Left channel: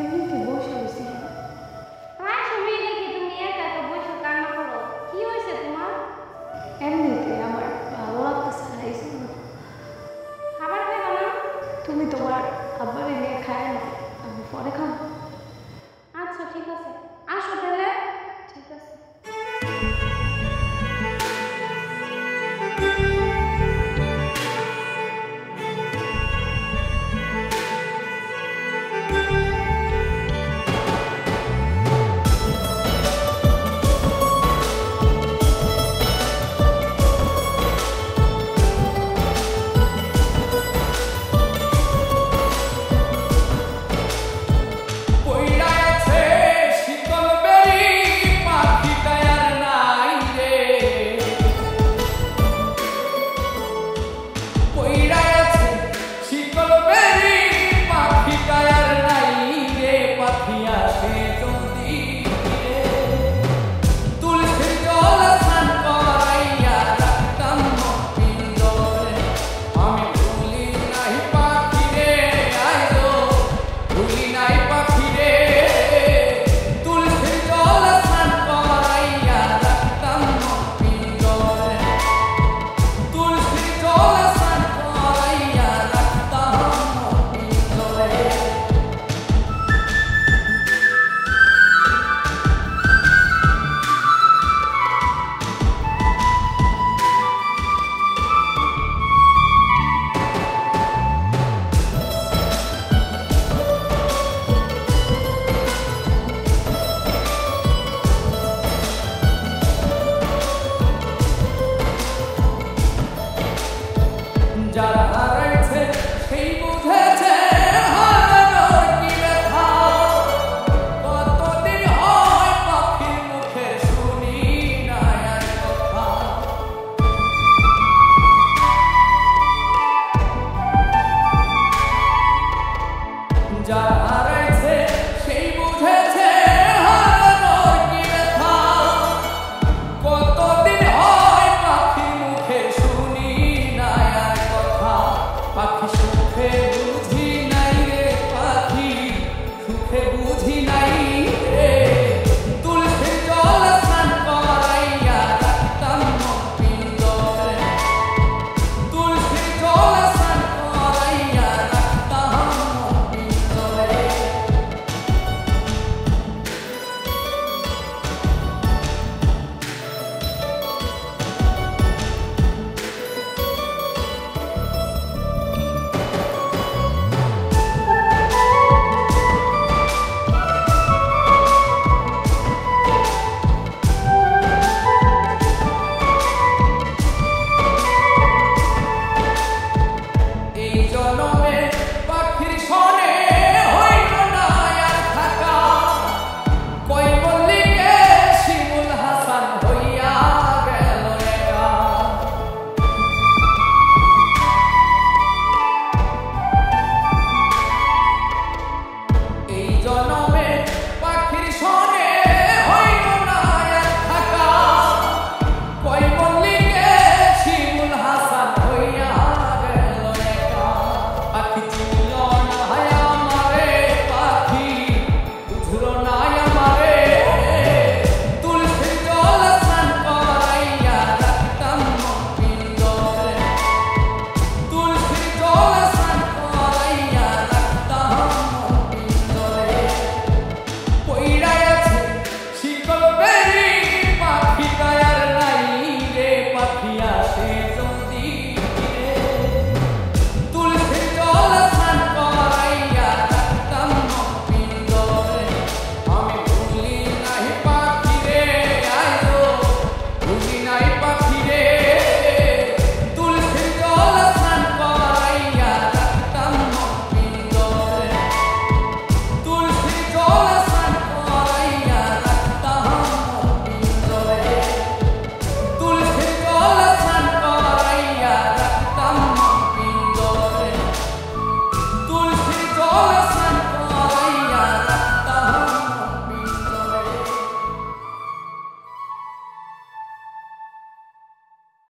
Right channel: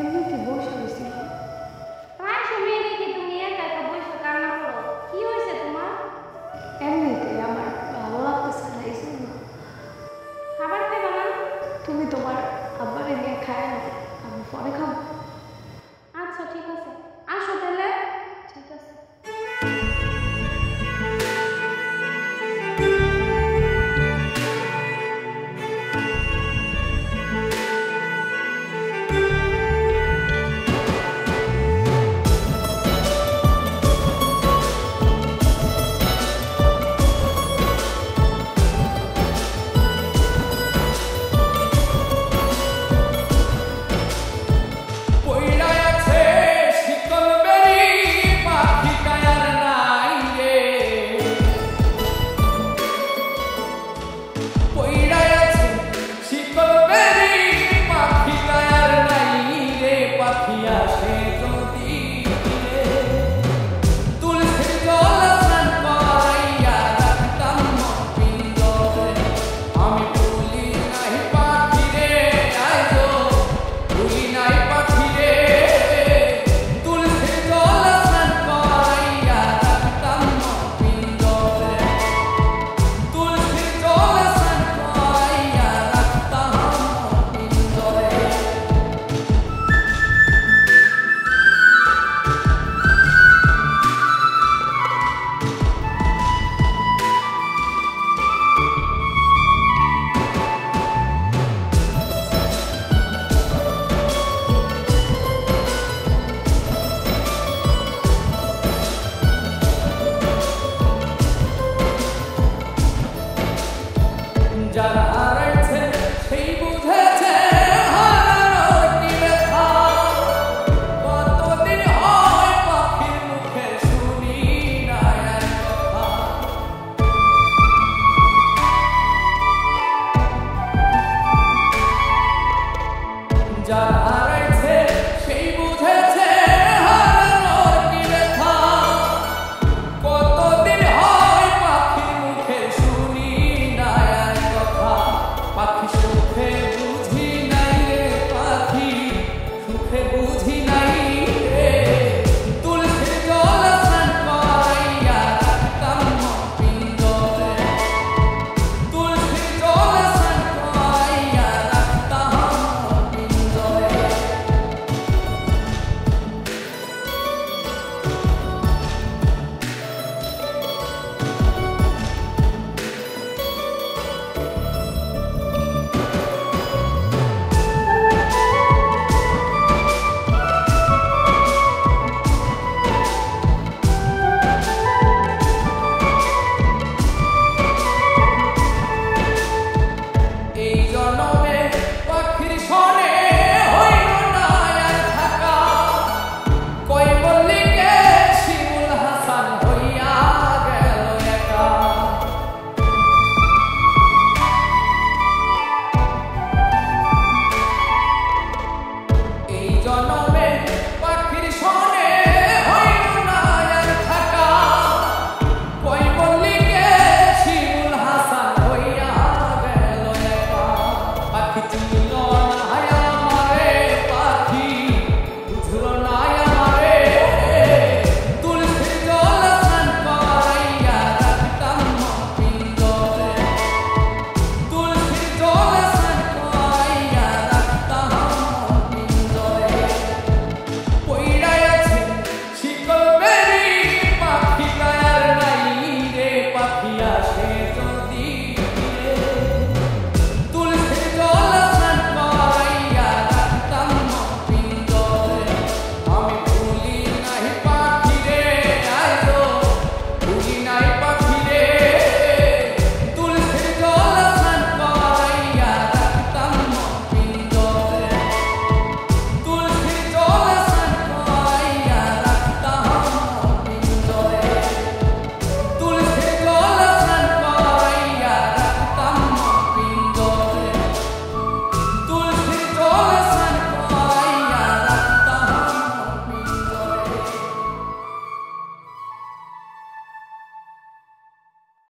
এমনিতে বসে হয়েছি। প্রায় সময় দেখি তুমি একা একা বসে কান্না করো, কি হয়েছে তোমার? এমনিতে আমার ভালো লাগতেছে না, এই জন্য। খাবার খাইবা না? তুমি তোমার আব্বারে নিয়ে খায় না, আমি পরে খাবো। আচ্ছা ঠিক আছে, আসো তাহলে। ঠিক আছে। যারা হারাইছে সেই বুঝেছে হারানোর কি ব্যথা। কতদিন হয় পাখির মুখের শুনি না আর কথা। যারা হারাইছে সেই বুঝেছে হারানোর কি ব্যথা। কতদিন হয় পাখির মুখের শুনি পাখি সুখে বুঝি নাই রে, পাখি সুখে বুঝি নাই রে। তুলসীর জল স্নান করাইয়া রাখতাম মন পিঞ্জরে। তুলসীর জল স্নান করাইয়া রাখতাম মন পিঞ্জরে। জনমে পাখির সনে হইল না আর থাকা। কই মল্লিকে শিমুল হাসান হইয়া গেল একা। পাখি চিনল না আমারে, পাখি বুঝল না আমারে। তুলসীর জল স্নান করাইয়া রাখতাম মন পিঞ্জরে। তুলসীর জল স্নান করাইয়া রাখতাম মন পিঞ্জরে। পইড়াই আছে শিকল বেরি, পাখি কায়ার নাই রে। পাখি আসে যদি